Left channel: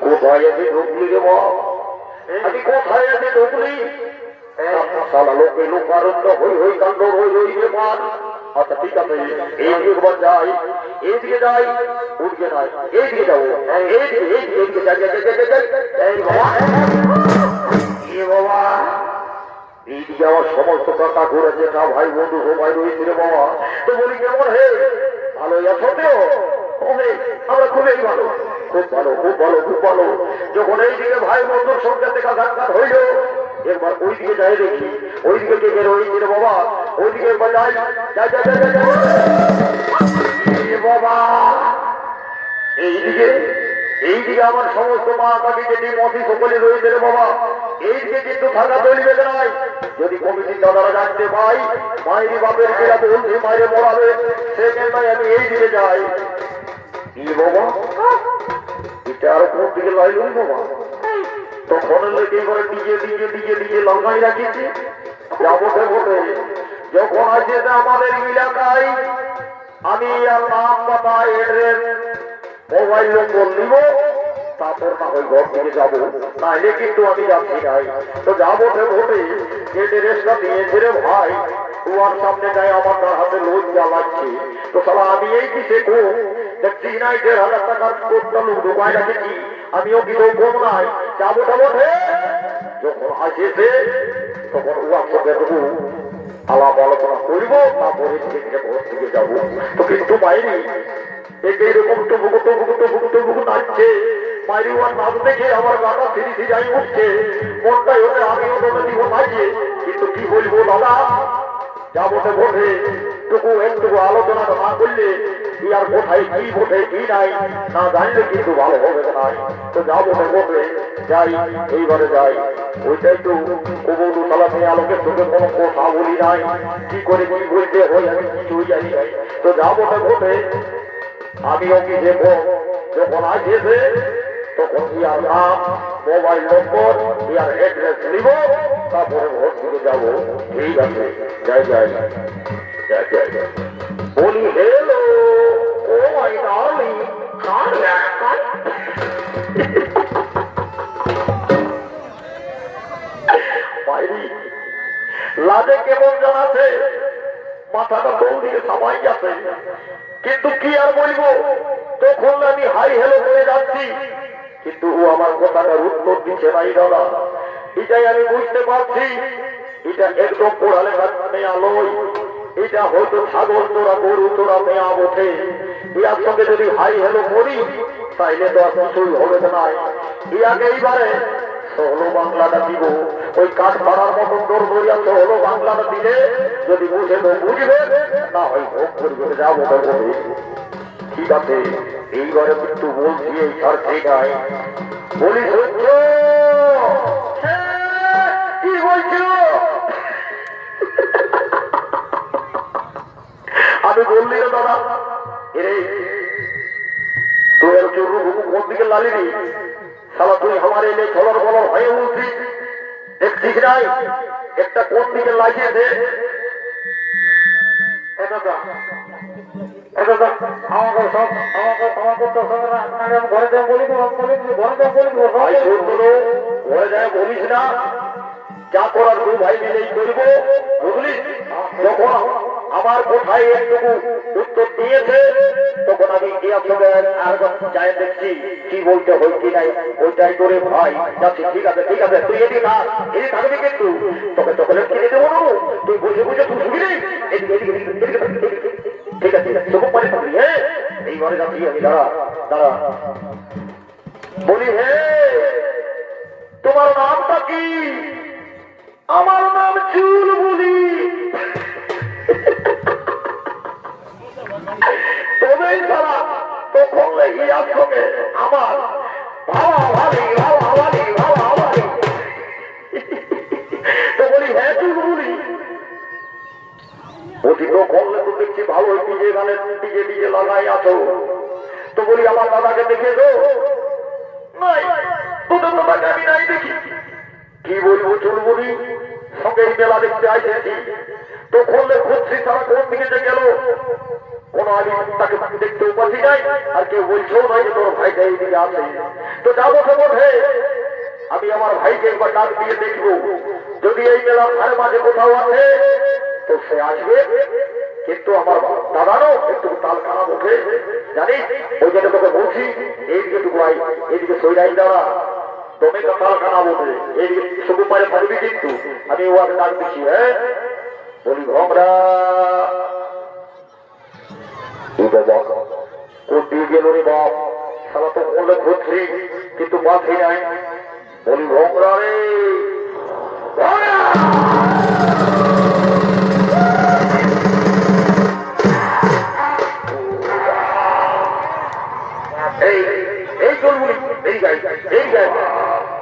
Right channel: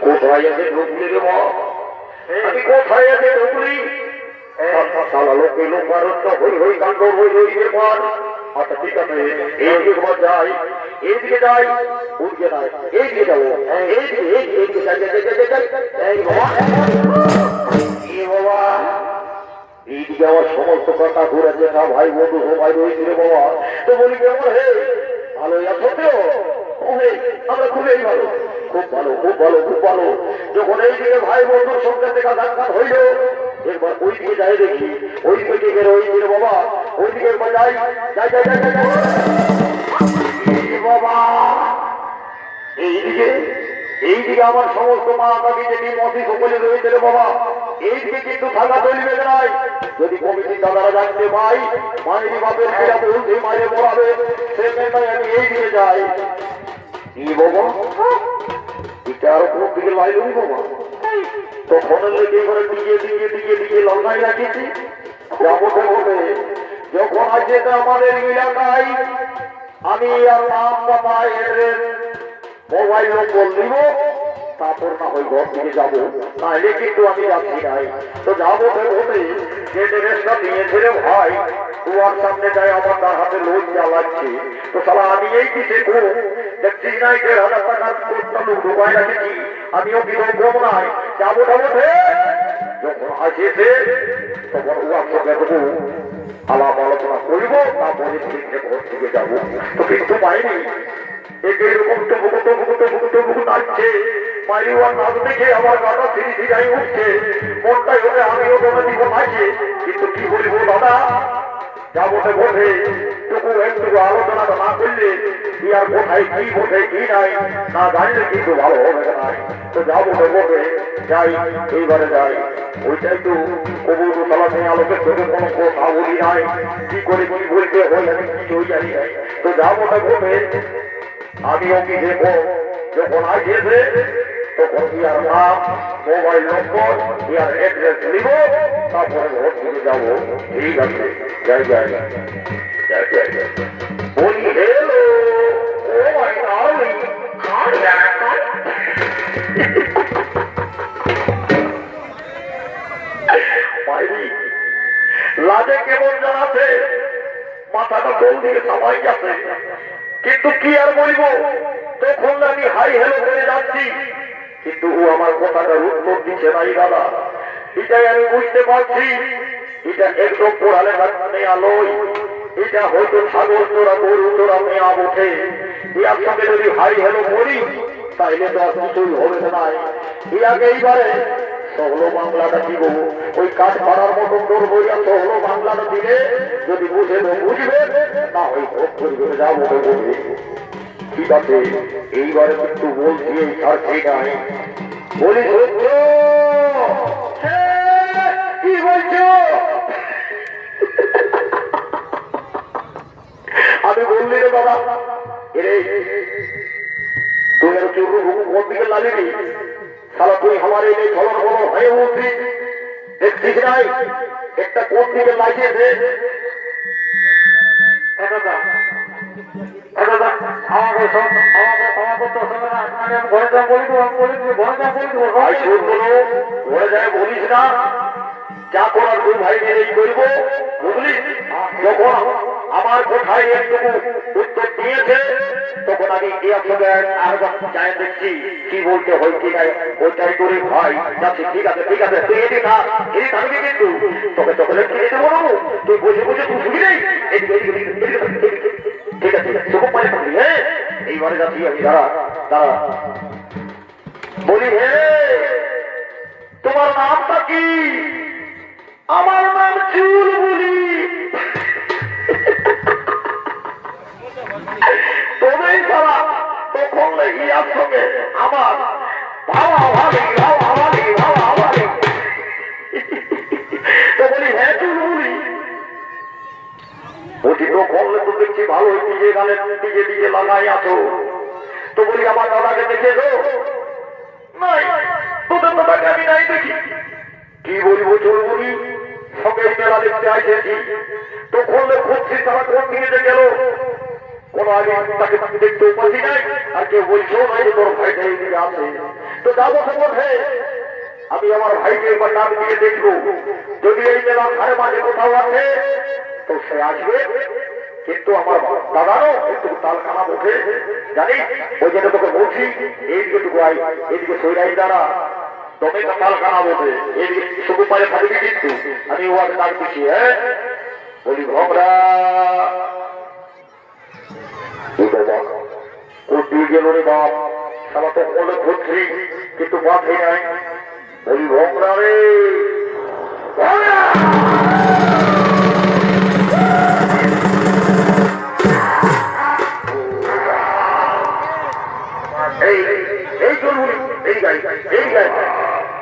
কোথায় আছে ঢুকলি রে আমি কোথায় আছে ঢুকলি? আচ্ছা ঠিক আছে এইদিকে যাই এইদিকে যাই উঠকে যাই এইদিকে যাব এইদিকে এইদিকে যাই যাই যাই যাই যাই বাবা এইদিকে সমস্ত কথা ঘুরেছে না ভাই বন্ধু সবাই রয়েছে রে বাবা। তো বলি কেমন হে? ভালো আছো তো? খুবই ভালো খুবই ভালো। খুব ভালো খুব ভালো খুব ভালো। যখন এই দিকে ভাই বন্ধুর সঙ্গে দেখা সাক্ষাৎ হইল, এরপর ওই দিকে যাই দেখি, ওই দিকে বেরো ওই দিকে বাবা, ওই দিকে যাই যাই যাই যাই যাই। বাবা এইদিকে এইদিকে আমার সমস্ত মা পাখি যেটি মতি সকলে রয়েছে বাবা এইদিকে কিন্তু থাকা চলবে নাই। যদি কমিটি দাদারা জানতে পাই মায়ের বাপের কেরা বলছে মায়ের পড়াবে সেখানটায় আমি এইদিকে যাই। কি বাবা? এটা আর কোন দিকে লাইলুন বাবা? তখন লেগে করে দিকে দিকে দিকে দিকে লঙ্কাই রাখিছি। যাব তো বটে। যখন আছে আমি আর নাম মোবাইল নম্বর নিব। তারপর না যাব। নাহলে কিন্তু আমি যাচ্ছি নাই। তো যাব তো ভোটে যে ড্রেসটা নিয়েছে রে ভাই তোমার সামনে যায় আমার তার হাতে লোন জ্বালাচ্ছে। তো সালা আমি এই রাখেছি আমিও বিরোধ নাই। ঘর থেকে যাব। তো কিন্তু বাইরে একে এরকম তো বুকু তো বুকু তো বুকু দেখে আমার গানা ধীরে ধীরে উঠছে। মনটাই হলে আমিও তোমার দিব নাচে কিন্তু কি একটু আলোচনা না করলে কি না জানলে ভালো হবে তো তো বোধে যাই, এইবারে যাই। ওইটাই তো কবুল তলা নিয়ে আলোকের চোখে কোনো কথা বলি নাই। কি করে, কি বলতে আমি কিছুই জানি নাই তো যাব তো বোধে আমিও কি দেখব। যখন আসিয়েছে তখন ইয়ার নাম মোবাইল নম্বর ইয়ার অ্যাড্রেস নিব, তারপরে ভোট দিতে যাব। ঠিক আছে। জয় জয় জয়। জয় জয় বলি হেলো ও মাই ডার্লিং, কার ব্যাপার লাজে কেমন জানাছে মাথাটা দৌড় দিয়ে সবাই যাচ্ছে। কিন্তু কি আর বলব? তখন আমি হাই হেলো করে যাচ্ছি। কিন্তু ও আমার কথাটার উত্তর দিচ্ছে নাই দাদা এটাই আমি বুঝতে পারছি। এটা একদম পড়ালে মেয়া লই এটা হয়তো ছাগল তোরা গরু তোরা মেয়া ওঠে ইয়ার সঙ্গে যদি হাই হেলো করি, তাইলে তো আর কিছুই হবে না ইয়াকে এইবারে সহলো বাংলাটা দিব ওই কাঠ পাড়ার মতন করব ইয়া সহলো বাংলাটা দিলে যদি বুঝে বুঝবে না হয় ভোগ করবে যাব ঠিক আছে এইবারে কিন্তু বলছি এই ঠিক আছে বলি কি বলছো? আমি বললি রে দাদা এরে তুই আর চোর কোন দিকে লালিনি? সালা তুই আমার এই খবর খবর হয়ে উঠলি। দেখছিস নাই? একটা কোন দিকে লাগিয়েছে? এটা না আমার কোথায় একটু উত্তর দিয়েছে তখন আমি আর চাই দেখছি কি বলতে হয় কি নাই ওইটাই করে ভাই যাচ্ছি ঠিক আছে ঠিক আছে তুই এদিকে থাক এদিকে থাকবি কিন্তু তবে চকলেট কিনে দেবো তুই বুঝে বুঝে তুই শুবি নেই ঠিক আছে চোখ পরে থাকবি হ্যাঁ এইবারে যাচ্ছি আমি দাঁড়া দাঁড়া বলি হে তোমার নামটা কি আমার নাম চুল বলি তবেই তারা তখন ইয়ার সঙ্গে আমার ভাবা ভাবি ভাবা ভাবি ভাবা ভাবি তো বলি হ্যাঁ চুল করলে তো দেখছি, ভালো ডিজে গানের, ডিজে ডিজে লাগাই আছো। তো বলি, আমার দাদাকে দেখে দাদাকে আমি নাই দেখি। কি বলব এই দেখতে আসেছি খুঁজছি, তারা কোন দিকে গেল? আগে তাকে নাই, আর কেউ বলছেও নাই তোর ভাইটা এইদিকে আছে। তো যাব তো আমি আমার ভাইকে একবার নাম দিয়ে দেখব। যদি এই মেলা ভাই মাঝে কোথাও আছে তো সে আসবে। কিন্তু আমার দাদারও একটু তাল খারাপ ওঠে জানিস ওই জন্য তোকে বলছি, এইদিকে টুকু আই এইদিকে সৈরাই দ্বারা তোকে কিন্তু। আমি ওয়াকে ডাক দিচ্ছি হ্যাঁ? বলি গেল রে বাপ? সারা তো কোনো ধরছি, কিন্তু বাপে নাই। বলি, ভমরা রে। এই চলবি এই গাই এই গাই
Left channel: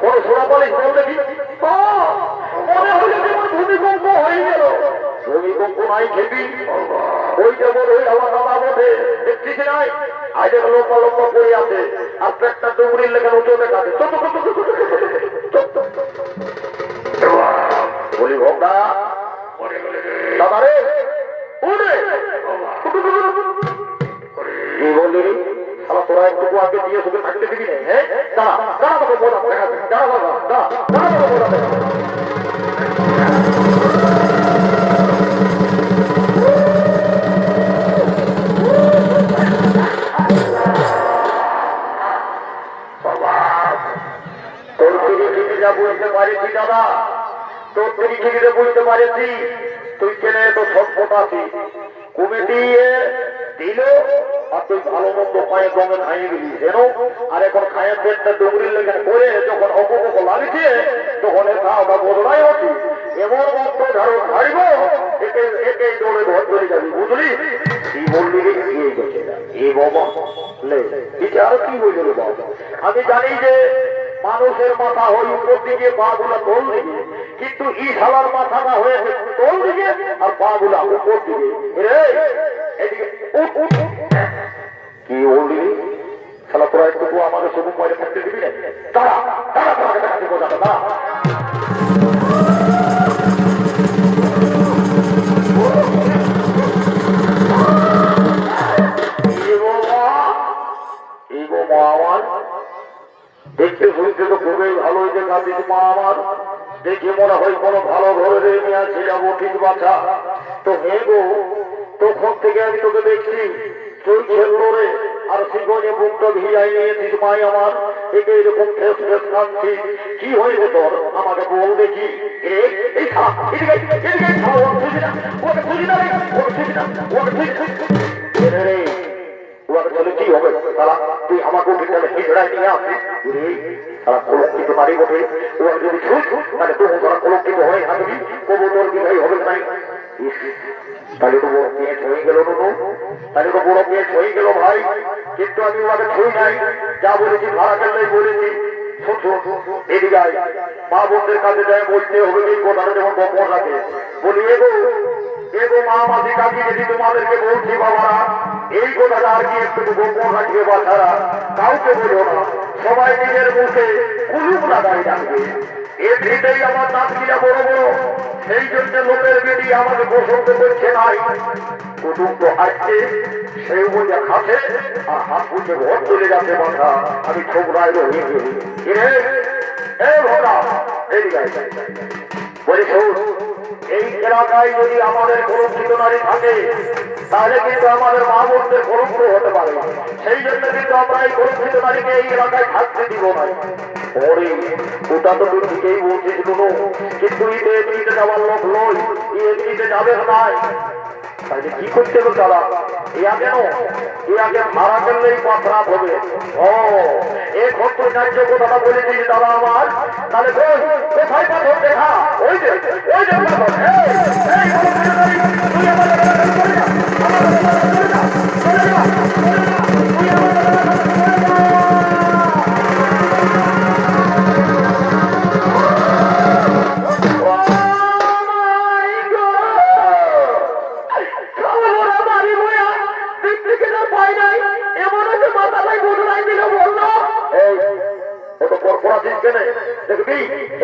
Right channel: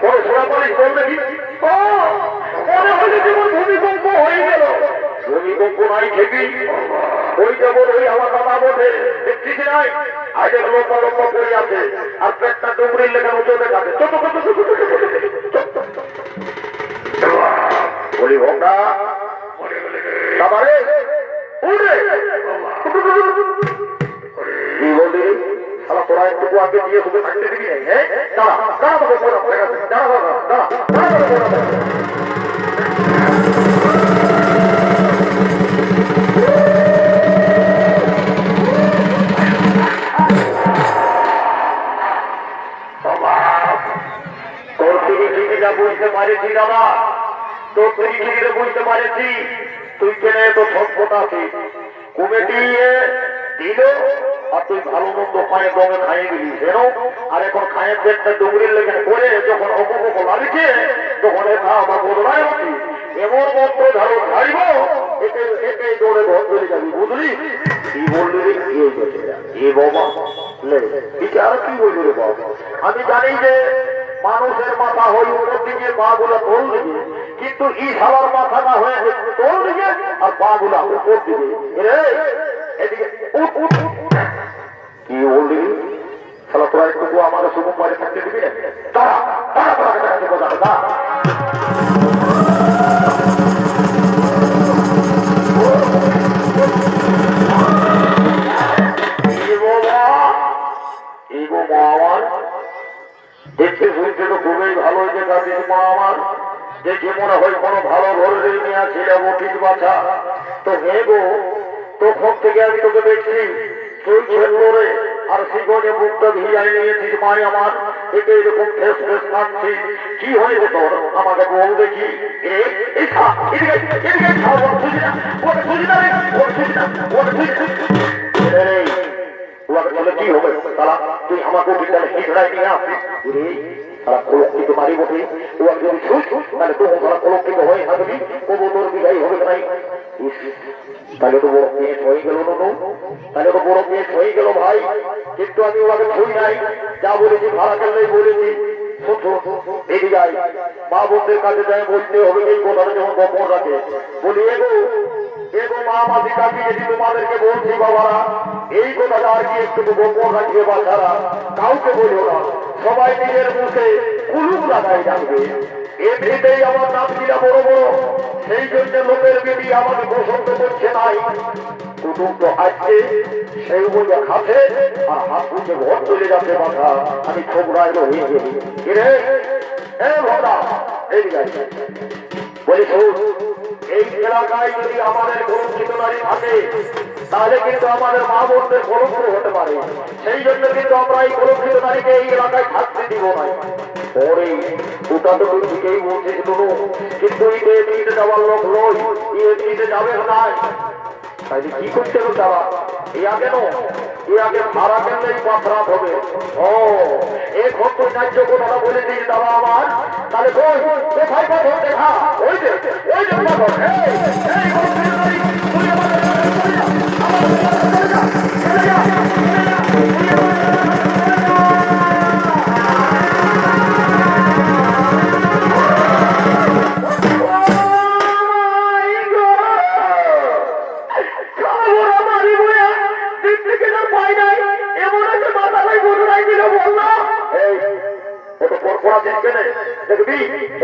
কোন সোনা বলে কোন দেখি ও, মনে হলে যেমন ভূমিকম্প হয়ে গেল ভূমিকম্প নাই খেবি ওই যেমন ওই আমার দাদা বোধে দেখছিস নাই আগে লম্বা লম্বা পড়ে আছে আর পেটটা ডুবুরির লেখা উঠে যাবে বলি ভোগটা দাদা রে উড়ে কি বললি রে? শালা তোরা একটু আগে দিয়ে তোকে থাকতে দিবি হ্যাঁ? দাঁড়া, দাঁড়া তোকে বললাম, দাঁড়া, দাঁড়া, দাঁড়া, দাঁড়া, পারেছি দাদা তোর থেকে চিঠিটা পারেছি তুই ছেলে তো সভ্যত কমিটি আর তুই ভালো মন্দ পায়ে খাইয়ে গেলি। আর এখন খায়ের লেগে করে যখন লাগছে, তখন এটা আবার বদলায় এমন মন্ত্র ধরো ছাড়িব একে একে ঘর চলে যাবি, বুঝলি? গেছে এ বাবা, লে বিচার কি বাবা? আমি জানি যে মানুষের মাথা হয় উপর দিকে পা গুলা তোল দিকে, কিন্তু ই সালার মাথাটা হয়ে তোল দিকে, আর পা গুলা উপর দিকে। এদিকে। কি বললি? শালা, তোরা আমার শুধু পরে থাকতে দিবি? শুনতে তো খুবই ভালো দেখাচ্ছিস মা আমার। দেখি মনে হয় কোনো ভালো ঘরে নিয়ে আছে ঠিক বাচ্চা। তো হে গো তখন থেকে আমি তোকে দেখছি। চলছে তোরে আর শিখনে মুখটা ভিড়াই নিয়েছিস মাই আমার। একে এরকম ফ্রেশ ফ্রেশ কাঁদছি কি হয়েছে তোর? আমাকে বল দেখি। কি হবে? তারা, তুই আমাকে নিয়ে তবু নাই ইস, তাহলে তো বড় কেস হয়ে গেল নুনু তাহলে তো বড় কেস হয়ে গেল ভাই। কিন্তু আমি নাই যা বলেছি ভাড়া বলেছি। এদিকে মা বোনদের কাছে যাই বলতে হবে এই কথাটা যেমন গোপন রাখে। বলি এগো এগো মা মাসি কাকি যদি তোমাদেরকে বলছি বাবারা এই কথাটা আর কি একটু গোপন রাখবে বাচ্চারা কাউকে বলব না। সবাই নিজের মুখে কুলুপ লাগাই রাখবে এমনিতেই আমার নাতিরা বড় বড় সেই জন্য লোকের বেদি আমাকে পছন্দ করছে নাই। কুটুম তো আসছে সেই বুঝে খাচ্ছে আর হাত ঘর চলে যাচ্ছে বাধা আমি ছোকরায় হয়ে গেলি। এ ভগা এই বলি শোন, এই এলাকায় যদি আমাদের কলঙ্কিত নারী থাকে, তাহলে কিন্তু আমাদের মা বোনদের কলঙ্ক হতে পারে। সেই জন্য কিন্তু আমরা এই কলঙ্কিত নারীকে এই এলাকায় থাকতে দিব না। পরে কি করছে গো তারা? এ আগে এ আগে ভাড়া করলেই অপরাধ হবে ও এ ভক্ত ন্যায্য কথাটা বলে দিন দাদা আমার তাহলে ওই যে ওই যে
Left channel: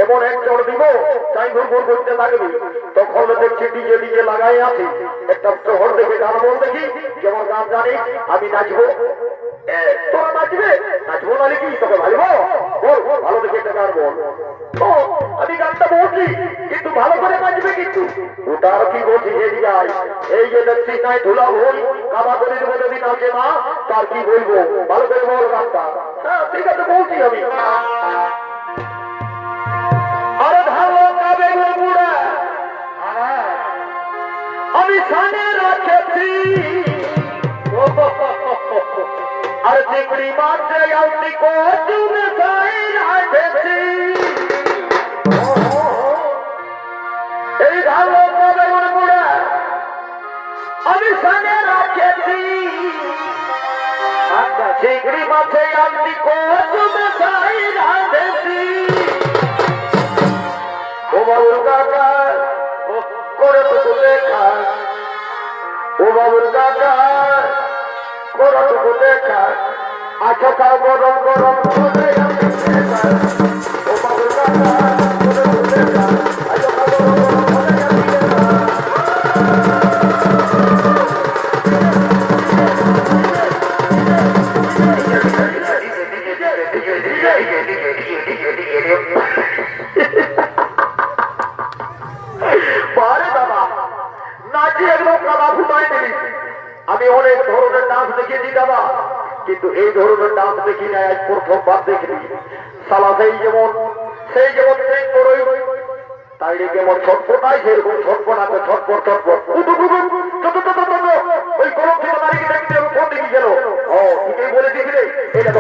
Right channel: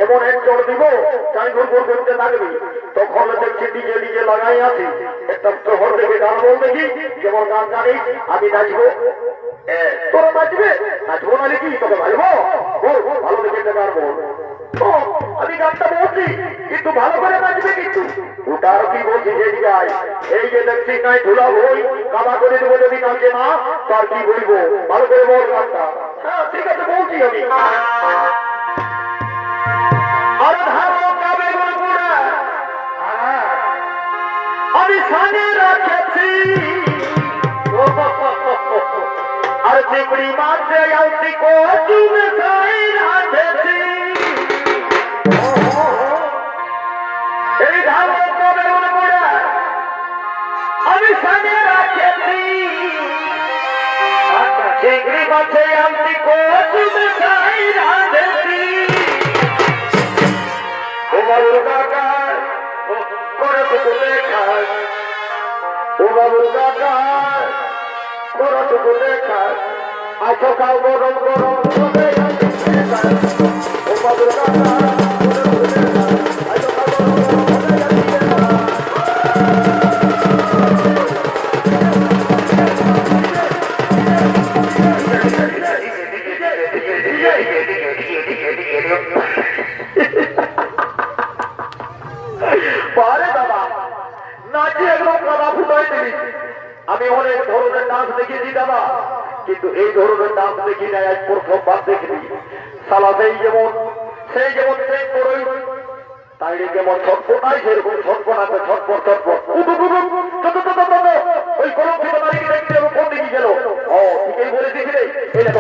এমন এক চড় দিব চাই ঘুর ঘুর করতে লাগবি। তখন দেখছি নিজে নিজে লাগাই আছি। একটা শহর দেখে গান বল দেখি, যেমন গান জানি আমি নাচবো। তোরা নাচবে? নাচবো না নাকি ভালো দেখে গান আমি গানটা বলছি। কিন্তু ভালো করে নাচবে কিন্তু। ওটা আর কি বলছি যে যাই এই যে দেখছিস নাই ধুলা ভুল কাদা করে দেবো যদি নাচে না তার কি বলব? ভালো করে বল গানটা হ্যাঁ ঠিক আছে, বলছি আমি। কাবে বাবুরা আমি সামনে রাখেছি। আর চিংড়ি মাছে আউটি কচুন সাই রাখেছি চিংড়ি মাছে আউটি কচুন সাই রাখেছি ও বাবুর কাকা ও করে তো কোথায় খাস। ও বাবুর কাকা, করে তো কোথায় খাস। আচ্ছা গরম গরম করে আমি অনেক ধরনের নাচ দেখেছি দাদা কিন্তু এই ধরনের নাচ দেখি না এক প্রথমবার দেখিনি। সালা সেই যেমন সেই যেমন সেই করই তাইলে যেমন ছটপটাই সেরকম ছটপটাতে ছটপট ছটপট। কুতুকুতু কত কত কত ওই কলম থেকে মারি দেখতে কোন দিকে গেল। ও, ঠিকই বলে দিবি এটা